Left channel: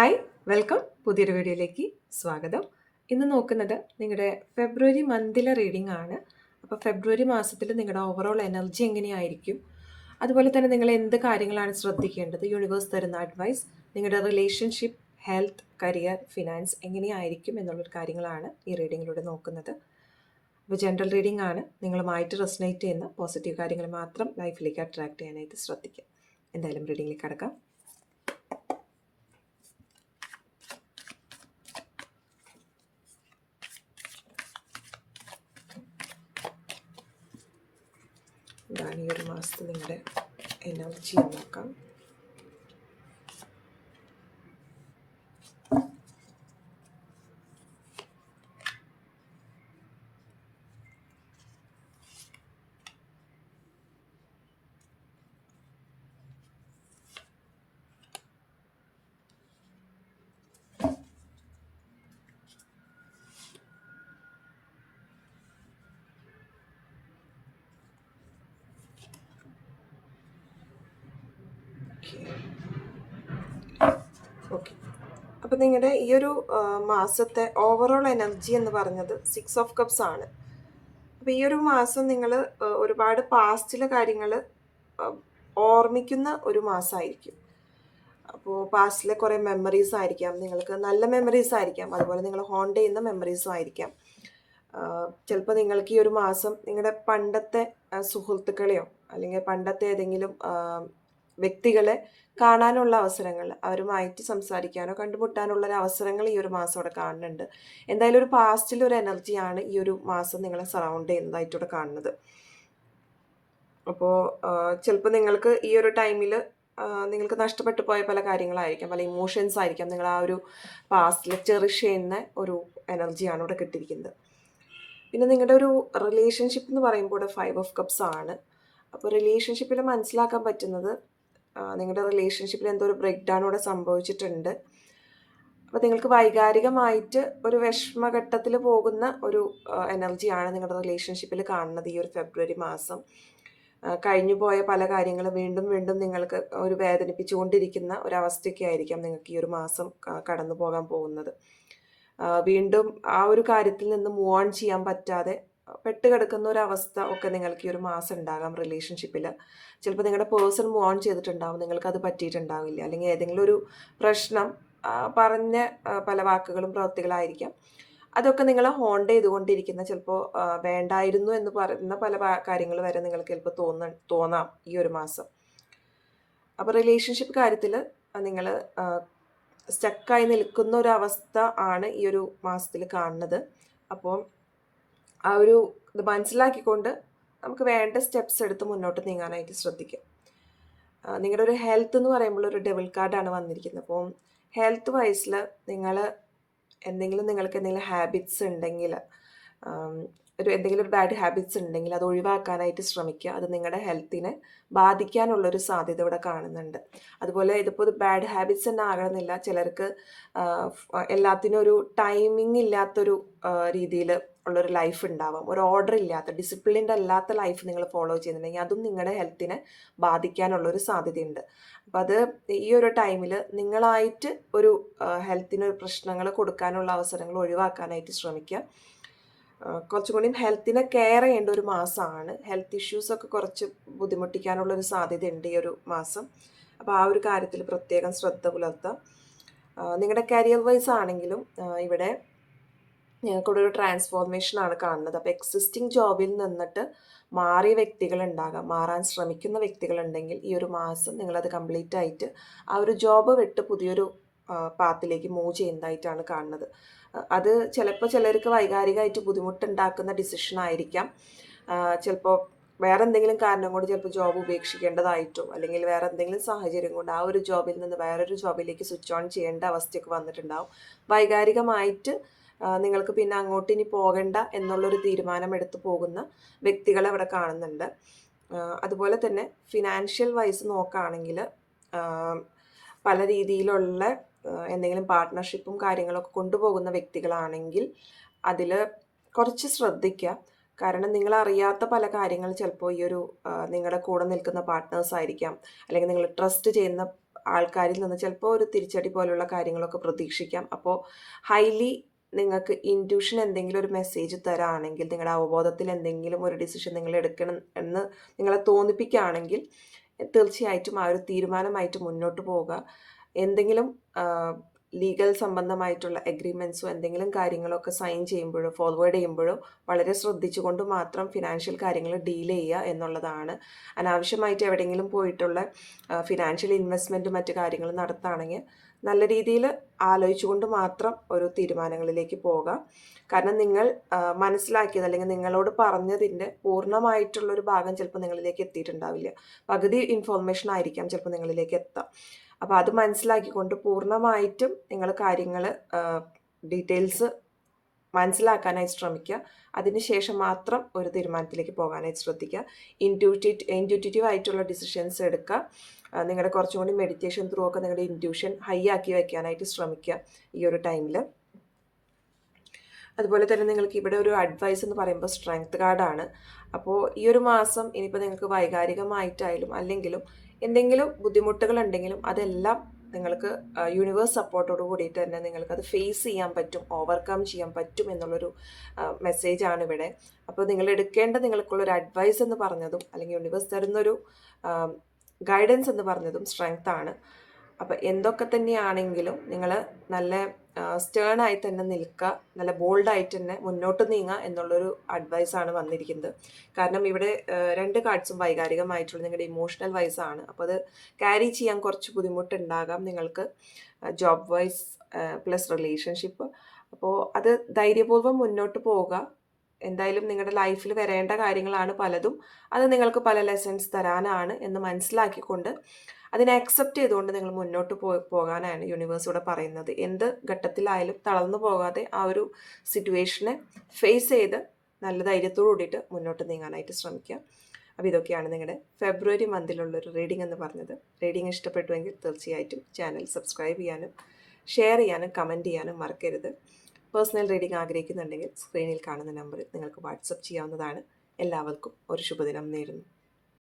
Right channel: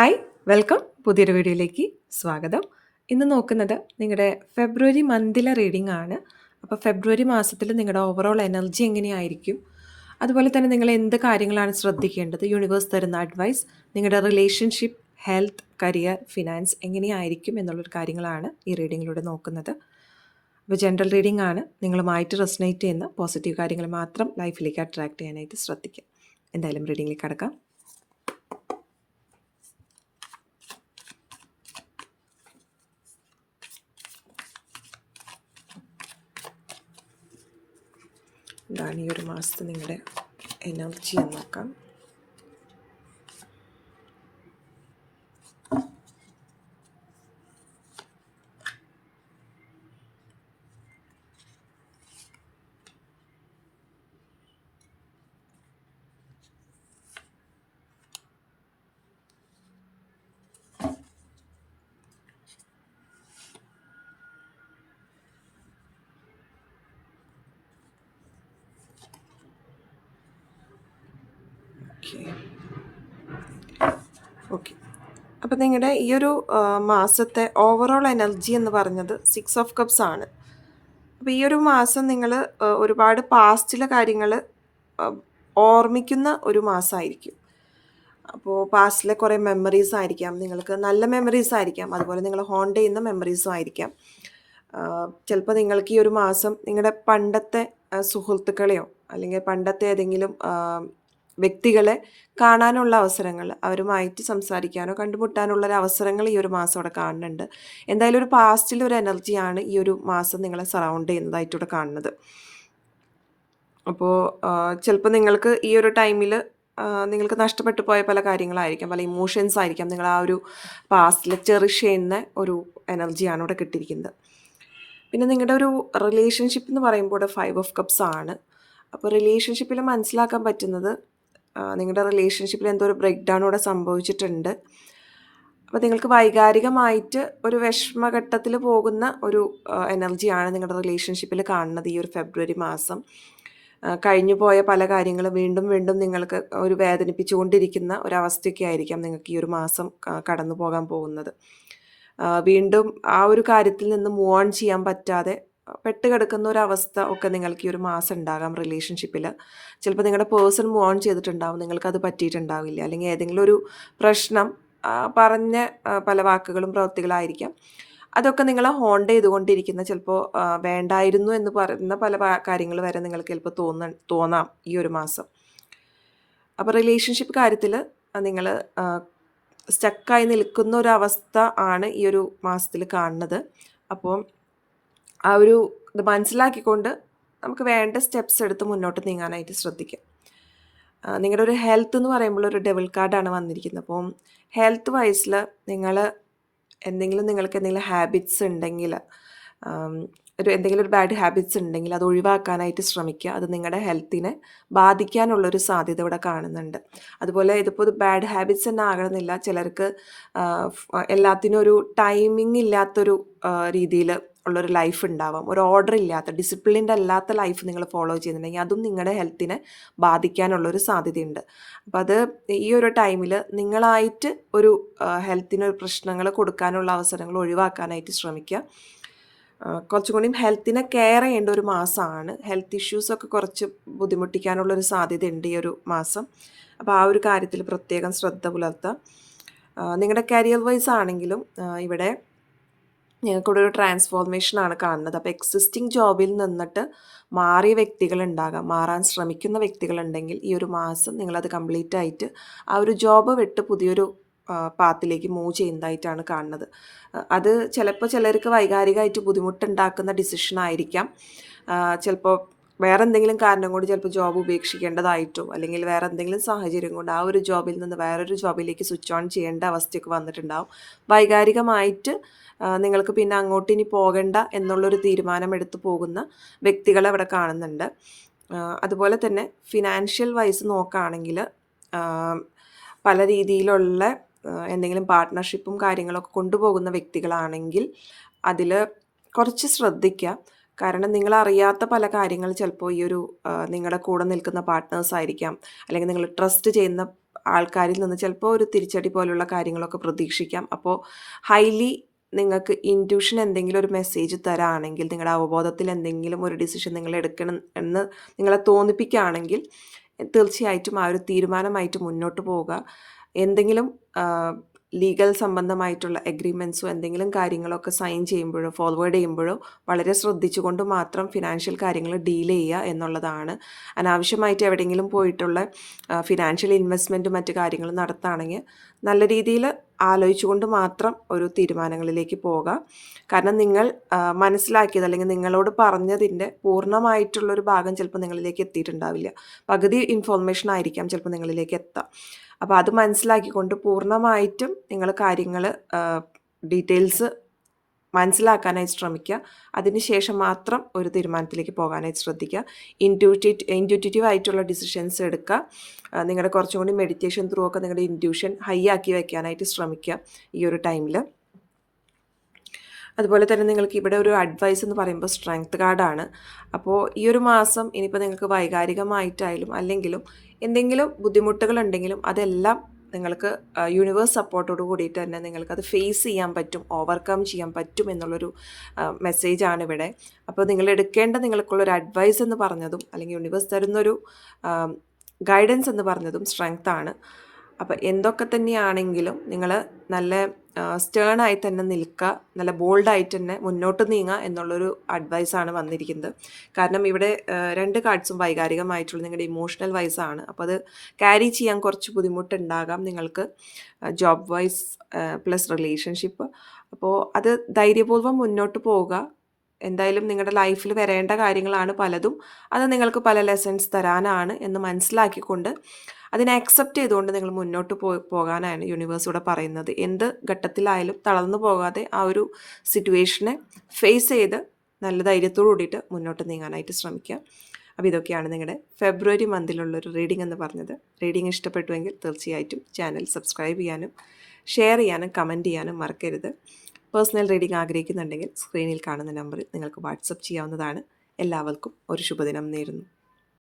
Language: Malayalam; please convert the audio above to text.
Hi welcome. പുതിയൊരു വീഡിയോയിലേക്ക് സ്വാഗതം. ഇന്ന് നോക്കുന്നത് നിങ്ങളുടെ ഫെബ്രുവരി മന്തിലെ റീഡിംഗ് ആണ്. അപ്പോൾ ഫെബ്രുവരി മാസത്തിൽ നിങ്ങളുടെ ഓവറോൾ എനർജി എങ്ങനെയായിരിക്കും? അതുപോലെ തന്നെ നിങ്ങൾ എന്ത് കാര്യങ്ങളാണ് ശ്രദ്ധിക്കേണ്ടത്? യൂണിവേഴ്സ് തരുന്ന അഡ്വൈസ് നിങ്ങളുടെ റിലേഷൻഷിപ്പ് ഹെൽത്ത് കരിയർ ഫിനാൻസ് എങ്ങനെയായിരിക്കും എന്നുള്ളൊരു കാര്യങ്ങളാണ് ഈ റീഡിങ്ങിലൂടെ നോക്കുന്നത്. അപ്പോൾ ജനറൽ റീഡിംഗ് ആണ്. നിങ്ങളുമായിട്ട് റെസനേറ്റ് ചെയ്യുന്ന പോസിറ്റീവ് കാര്യങ്ങൾ മാത്രം ലൈഫിലേക്ക് അട്രാക്ട് ചെയ്യാനായിട്ട് ശ്രദ്ധിക്കുക. എന്തായാലും റീഡിങ്ങിലേക്ക് കടക്കാം. മാസത്തെ നിങ്ങളുടെ എനർജി നോക്കാം. ഓക്കെ അപ്പോൾ നിങ്ങളുടെ ഈ ഒരു മാസത്തെ ഓവറോൾ എനർജി എന്ന് പറഞ്ഞത് സിക്സ് ഓഫ് കപ്സ് ആണ്. അപ്പോൾ ഈ ഒരു മാസം നിങ്ങൾ ഒരുപാട് പാസ്റ്റിലെ കാര്യങ്ങൾ ഓർമ്മിക്കുന്ന ഒരു മാസമായിരിക്കും അപ്പോൾ പാസ്റ്റിലെ കുറേ മെമ്മറീസ് ആയിരിക്കാം. നിങ്ങൾക്ക് നല്ല മെമ്മറീസ് ആയിരിക്കാം. അതുപോലെ നിങ്ങൾ ഹോണ്ട് ചെയ്യുന്ന മെമ്മറീസും ആയിരിക്കാം. ചിലപ്പോൾ നിങ്ങൾക്ക് ഈ ഒരു മാസം നിങ്ങളുടെ പണ്ടത്തെ സുഹൃത്തുക്കളെയോ അല്ലെങ്കിൽ പണ്ടത്തെ ഏതെങ്കിലും വ്യക്തികളെ കാണാനുള്ള അവസരങ്ങൾ അവരുമായിട്ട് സംസാരിക്കാനോ കണ്ടുമുട്ടാനുള്ള ഒരു അവസരങ്ങൾ ഈ ഒരു മാസം അവിടെ കാണുന്നുണ്ട്. എന്തായാലും ഒരു പാസ്റ്റിൽ ഒരു എനർജിയാണ് ഈ ഒരു മാസം നിങ്ങളെ സറൗണ്ട് ചെയ്യുന്നതായിട്ട് ഇവിടെ കാണുന്നത് അപ്പോൾ ചിലപ്പോൾ നിങ്ങൾക്ക് ഈ ഒരു ടൈമിൽ നിങ്ങൾക്ക് നഷ്ടപ്പെട്ടു പോയ പല കാര്യങ്ങളായിരിക്കാം പല ഇമോഷൻസ് ആയിരിക്കാം നിങ്ങൾ ആ ഒരു പാസ്റ്റിൽ ചെറിഷ് ചെയ്യുന്ന ഒരു എനർജിയാണ് ഇവിടെ കിട്ടിയിരിക്കുന്നത്. പിന്നെ നിങ്ങളുടെ ഒരു റിലേഷൻഷിപ്പ് എന്ന് പറയുമ്പോൾ ഫൈവ് ഓഫ് കപ്സ് ആണ്. അപ്പോൾ റിലേഷൻഷിപ്പിൽ മനസ്സിലാക്കാൻ പറ്റുന്നത് നിങ്ങളുടെ റിലേഷൻഷിപ്പിൽ എന്തോ ഒരു ബ്രേക്ക് ഡൗൺ ഇവിടെ സംഭവിച്ചിട്ടുണ്ട്. അപ്പോൾ നിങ്ങൾക്ക് വൈകാരികമായിട്ട് ഒരു വിഷമഘട്ടത്തിൽ പോകുന്ന ഒരു എനർജിയാണ് നിങ്ങളുടെ റിലേഷൻഷിപ്പിൽ കാണുന്നത് ഈ ഒരു ഫെബ്രുവരി മാസം. കഴിഞ്ഞു പോയ പല കാര്യങ്ങളും വീണ്ടും വീണ്ടും നിങ്ങൾക്ക് ഒരു വേദനിപ്പിച്ചുകൊണ്ടിരിക്കുന്ന ഒരവസ്ഥയൊക്കെ ആയിരിക്കാം നിങ്ങൾക്ക് ഈ ഒരു മാസം കടന്നു പോകാൻ പോകുന്നത്. വീണ്ടും ആ ഒരു കാര്യത്തിൽ നിന്ന് മൂവ് ഓൺ ചെയ്യാൻ പറ്റാതെ പെട്ട് ഒരവസ്ഥ ഒക്കെ നിങ്ങൾക്ക് ഈ ഒരു മാസം ഉണ്ടാകാം റിലേഷൻഷിപ്പിൽ ചിലപ്പോൾ നിങ്ങളുടെ പേഴ്സൺ മൂവ് ഓൺ ചെയ്തിട്ടുണ്ടാവും നിങ്ങൾക്കത് പറ്റിയിട്ടുണ്ടാവില്ല. അല്ലെങ്കിൽ ഏതെങ്കിലും ഒരു പ്രശ്നം പറഞ്ഞ പല വാക്കുകളും പ്രവൃത്തികളായിരിക്കാം. അതൊക്കെ നിങ്ങളെ ഹോണ്ട് ചെയ്തുകൊണ്ടിരിക്കുന്ന ചിലപ്പോൾ വേണ്ടായിരുന്നു എന്ന് പറയുന്ന പല കാര്യങ്ങൾ വരെ നിങ്ങൾക്ക് ചിലപ്പോൾ തോന്ന തോന്നാം ഈ ഒരു മാസം. അപ്പോൾ റിലേഷൻഷിപ്പ് കാര്യത്തിൽ നിങ്ങൾ സ്റ്റക്കായി നിൽക്കുന്ന ഒരു അവസ്ഥ ആണ് ഈ ഒരു മാസത്തിൽ കാണുന്നത്. അപ്പോൾ ആ ഒരു ഇത് മനസ്സിലാക്കിക്കൊണ്ട് നമുക്ക് വേണ്ട സ്റ്റെപ്സ് എടുത്ത് മുന്നോട്ട് നീങ്ങാനായിട്ട് ശ്രദ്ധിക്കാം. നിങ്ങളുടെ ഒരു ഹെൽത്ത് എന്ന് പറയുമ്പോൾ ഒരു ഡെവിൾ കാർഡാണ് വന്നിരിക്കുന്നത്. അപ്പം ഹെൽത്ത് വൈസിൽ നിങ്ങൾ എന്തെങ്കിലും നിങ്ങൾക്ക് എന്തെങ്കിലും ഹാബിറ്റ്സ് ഉണ്ടെങ്കിൽ ഒരു എന്തെങ്കിലും ഒരു ബാഡ് ഹാബിറ്റ്സ് ഉണ്ടെങ്കിൽ അത് ഒഴിവാക്കാനായിട്ട് ശ്രമിക്കുക. അത് നിങ്ങളുടെ ഹെൽത്തിനെ ബാധിക്കാനുള്ളൊരു സാധ്യത ഇവിടെ കാണുന്നുണ്ട്. അതുപോലെ ഇതിപ്പോൾ ഒരു ബാഡ് ഹാബിറ്റ്സ് തന്നെ ആകണമെന്നില്ല. ചിലർക്ക് എല്ലാത്തിനും ഒരു ടൈമിംഗ് ഇല്ലാത്തൊരു രീതിയിൽ ഉള്ളൊരു ലൈഫ് ഉണ്ടാവാം ഒരു ഓർഡർ ഇല്ലാത്ത ഡിസിപ്ലിൻഡ് അല്ലാത്ത ലൈഫ് നിങ്ങൾ ഫോളോ ചെയ്യുന്നുണ്ടെങ്കിൽ അതും നിങ്ങളുടെ ഹെൽത്തിനെ ബാധിക്കാനുള്ളൊരു സാധ്യതയുണ്ട്. അപ്പോൾ അത് ഈ ഒരു ടൈമിൽ നിങ്ങളായിട്ട് ഒരു ഹെൽത്തിന് പ്രശ്നങ്ങൾ കൊടുക്കാനുള്ള അവസരങ്ങൾ ഒഴിവാക്കാനായിട്ട് ശ്രമിക്കുക കുറച്ചും കൂടിയും ഹെൽത്തിനെ കെയർ ചെയ്യേണ്ട ഒരു മാസമാണ് ഹെൽത്ത് ഇഷ്യൂസൊക്കെ കുറച്ച് ബുദ്ധിമുട്ടിക്കാനുള്ളൊരു സാധ്യതയുണ്ട് ഈ ഒരു മാസം. അപ്പോൾ ആ ഒരു കാര്യത്തിൽ പ്രത്യേകം ശ്രദ്ധ പുലർത്താം. ആ, നിങ്ങളുടെ കരിയർ വൈസ് ആണെങ്കിലും ഇവിടെ ഞങ്ങൾക്കിവിടെ ഒരു ട്രാൻസ്ഫോർമേഷനാണ് കാണുന്നത്. അപ്പോൾ എക്സിസ്റ്റിംഗ് ജോബിൽ നിന്നിട്ട് മാറിയ വ്യക്തികളുണ്ടാകാം. മാറാൻ ശ്രമിക്കുന്ന വ്യക്തികളുണ്ടെങ്കിൽ ഈ ഒരു മാസം നിങ്ങളത് കംപ്ലീറ്റ് ആയിട്ട് ആ ഒരു ജോബ് വിട്ട് പുതിയൊരു പാത്തിലേക്ക് മൂവ് ചെയ്യുന്നതായിട്ടാണ് കാണുന്നത്. അത് ചിലപ്പോൾ ചിലർക്ക് വൈകാരികമായിട്ട് ബുദ്ധിമുട്ടുണ്ടാക്കുന്ന ഡിസിഷൻ ആയിരിക്കാം. ചിലപ്പോൾ വേറെ എന്തെങ്കിലും കാരണം കൊണ്ട് ചിലപ്പോൾ ജോബ് ഉപേക്ഷിക്കേണ്ടതായിട്ടോ അല്ലെങ്കിൽ വേറെ എന്തെങ്കിലും സാഹചര്യം കൊണ്ട് ആ ഒരു ജോബിൽ നിന്ന് വേറൊരു ജോബിലേക്ക് സ്വിച്ച് ഓൺ ചെയ്യേണ്ട അവസ്ഥയൊക്കെ വന്നിട്ടുണ്ടാവും. വൈകാരികമായിട്ട് നിങ്ങൾക്ക് പിന്നെ അങ്ങോട്ട് ഇനി പോകണ്ട എന്നുള്ളൊരു തീരുമാനം എടുത്തു പോകുന്ന വ്യക്തികൾ അവിടെ കാണുന്നുണ്ട് അതുപോലെ തന്നെ ഫിനാൻഷ്യൽ വൈസ് നോക്കുകയാണെങ്കിൽ പല രീതിയിലുള്ള എന്തെങ്കിലും പാർട്ട്ണർഷിപ്പും കാര്യങ്ങളൊക്കെ കൊണ്ടുപോകുന്ന വ്യക്തികളാണെങ്കിൽ അതിൽ കുറച്ച് ശ്രദ്ധിക്കുക. കാരണം നിങ്ങൾ അറിയാത്ത പല കാര്യങ്ങൾ ചിലപ്പോൾ ഈ ഒരു നിങ്ങളുടെ കൂടെ നിൽക്കുന്ന പാർട്ട്നേഴ്സ് ആയിരിക്കാം. അല്ലെങ്കിൽ നിങ്ങൾ ട്രസ്റ്റ് ചെയ്യുന്ന ആൾക്കാരിൽ നിന്ന് ചിലപ്പോൾ ഒരു തിരിച്ചടി പോലുള്ള കാര്യങ്ങളൊക്കെ പ്രതീക്ഷിക്കാം. അപ്പോൾ ഹൈലി നിങ്ങൾക്ക് ഇന്റ്യൂഷൻ എന്തെങ്കിലും ഒരു മെസ്സേജ് തരാണെങ്കിൽ നിങ്ങളുടെ അവബോധത്തിൽ എന്തെങ്കിലും ഒരു ഡിസിഷൻ നിങ്ങൾ എടുക്കണം എന്ന് നിങ്ങളെ തോന്നിപ്പിക്കുകയാണെങ്കിൽ തീർച്ചയായിട്ടും ആ ഒരു തീരുമാനമായിട്ട് മുന്നോട്ട് പോവുക. എന്തെങ്കിലും ലീഗൽ സംബന്ധമായിട്ടുള്ള എഗ്രിമെന്റ്സോ എന്തെങ്കിലും കാര്യങ്ങളൊക്കെ സൈൻ ചെയ്യുമ്പോഴോ ഫോർവേഡ് ചെയ്യുമ്പോഴോ വളരെ ശ്രദ്ധിച്ചുകൊണ്ട് മാത്രം ഫിനാൻഷ്യൽ കാര്യങ്ങൾ ഡീൽ ചെയ്യുക എന്നുള്ളതാണ്. അനാവശ്യമായിട്ട് എവിടെയെങ്കിലും പോയിട്ടുള്ള ഫിനാൻഷ്യൽ ഇൻവെസ്റ്റ്മെന്റും മറ്റു കാര്യങ്ങളും നടത്തുകയാണെങ്കിൽ നല്ല രീതിയിൽ ആലോചിച്ചുകൊണ്ട് മാത്രം ഒരു തീരുമാനങ്ങളിലേക്ക് പോവുക കാരണം നിങ്ങൾ മനസ്സിലാക്കിയത് അല്ലെങ്കിൽ നിങ്ങളോട് പറഞ്ഞതിന്റെ പൂർണമായിട്ടുള്ളൊരു ഭാഗം ചിലപ്പോൾ നിങ്ങളിലേക്ക് എത്തിയിട്ടുണ്ടാവില്ല. പകുതി ഇൻഫോർമേഷൻ ആയിരിക്കാം ചിലപ്പോൾ നിങ്ങളിലേക്ക് എത്താം. അപ്പോൾ അത് മനസ്സിലാക്കിക്കൊണ്ട് പൂർണമായിട്ടും നിങ്ങൾ കാര്യങ്ങൾ ഡീറ്റെയിൽസ് മനസ്സിലാക്കാനായി ശ്രമിക്കുക. അതിനുശേഷം മാത്രം ഒരു തീരുമാനത്തിലേക്ക് പോകാനായിട്ട് ശ്രദ്ധിക്കുക. ഇന്റ്യൂറ്റീവ് ഇന്റ്യൂറ്റീവ് ആയിട്ടുള്ള ഡിസിഷൻസ് എടുക്കുക. നിങ്ങളുടെ കുറച്ചും കൂടി മെഡിറ്റേഷൻ ത്രൂ ഒക്കെ നിങ്ങളുടെ ഇന്റ്യൂഷൻ ഹൈ ആക്കി വയ്ക്കാനായിട്ട് ശ്രമിക്കുക ഈ ഒരു ടൈമിൽ അതുപോലെ തന്നെ നിങ്ങൾക്ക് ഇവിടെ ഒരു അഡ്വൈസ് എന്ന് പറയുമ്പോൾ സ്ട്രെങ്ത് കാർഡാണ് അപ്പോൾ ഈ ഒരു മാസം ഇനിയിപ്പോൾ നിങ്ങൾക്ക് വൈകാരികമായിട്ടായാലും അല്ലെങ്കിലും എന്തെങ്കിലും ബുദ്ധിമുട്ടുകളുണ്ടെങ്കിലും അതെല്ലാം നിങ്ങൾക്ക് യൂണിവേഴ്സ് സപ്പോർട്ടോട് കൂടിയിട്ട് തന്നെ നിങ്ങൾക്ക് അത് ഫേസ് ചെയ്യാൻ പറ്റും ഓവർകം ചെയ്യാൻ പറ്റും എന്നുള്ളൊരു മെസ്സേജാണ് ഇവിടെ. അപ്പോൾ നിങ്ങൾ എടുക്കേണ്ട നിങ്ങൾക്കുള്ളൊരു അഡ്വൈസ് എന്ന് പറഞ്ഞതും അല്ലെങ്കിൽ യൂണിവേഴ്സ് തരുന്നൊരു ഗൈഡൻസ് എന്ന് പറഞ്ഞതും സ്ട്രെങ്ത് ആണ്. അപ്പോൾ എന്തൊക്കെ തന്നെയാണെങ്കിലും നിങ്ങൾ നല്ല സ്റ്റേൺ ആയി തന്നെ നിൽക്കുക നല്ല ബോൾഡായിട്ട് തന്നെ മുന്നോട്ട് നീങ്ങുക എന്നുള്ളൊരു അഡ്വൈസാണ് വന്നിരിക്കുന്നത്. കാരണം ഇവിടെ രണ്ട് കാർഡ്സും വൈകാരികമായിട്ടുള്ള നിങ്ങളുടെ ഇമോഷണൽ വൈസാണ്. അപ്പോൾ അത് ക്യാരി ചെയ്യാൻ കുറച്ച് ബുദ്ധിമുട്ടുണ്ടാകാം നിങ്ങൾക്ക് ജോബ് വൈസ് പ്ലസ് റിലേഷൻഷിപ്പ്. അപ്പോൾ അത് ധൈര്യപൂർവം മുന്നോട്ട് പോവുക. എന്തായാലും നിങ്ങളുടെ ലൈഫിൽ വരേണ്ട കാര്യങ്ങളാണ് പലതും. അത് നിങ്ങൾക്ക് പല ലെസൺസ് തരാനാണ് എന്ന് മനസ്സിലാക്കിക്കൊണ്ട് അതിനെ അക്സെപ്റ്റ് ചെയ്തുകൊണ്ട് നിങ്ങൾ മുന്നോട്ട് പോ പോകാനാണ് യൂണിവേഴ്സ് ഇവിടെ പറയുന്നത്. എന്ത് ഘട്ടത്തിലായാലും തളർന്നു പോകാതെ ആ ഒരു സിറ്റുവേഷനെ ഫേസ് ചെയ്ത് നല്ല ധൈര്യത്തോടു കൂടിയിട്ട് മുന്നോട്ട് നീങ്ങാനായിട്ട് ശ്രമിക്കുക. അപ്പോൾ ഇതൊക്കെയാണ് നിങ്ങളുടെ ഫെബ്രുവരി മന്തിലുള്ളൊരു റീഡിംഗ് എന്ന് പറഞ്ഞത്. റീഡിംഗ് ഇഷ്ടപ്പെട്ടുവെങ്കിൽ തീർച്ചയായിട്ടും ചാനൽ സബ്സ്ക്രൈബ് ചെയ്യാനും ഷെയർ ചെയ്യാനും കമന്റ് ചെയ്യാനും മറക്കരുത്. പേഴ്സണൽ റീഡിംഗ് ആഗ്രഹിക്കുന്നുണ്ടെങ്കിൽ സ്ക്രീനിൽ കാണുന്ന നമ്പറിൽ നിങ്ങൾക്ക് വാട്സപ്പ് ചെയ്യാവുന്നതാണ്. എല്ലാവർക്കും ഒരു ശുഭദിനം നേരുന്നു.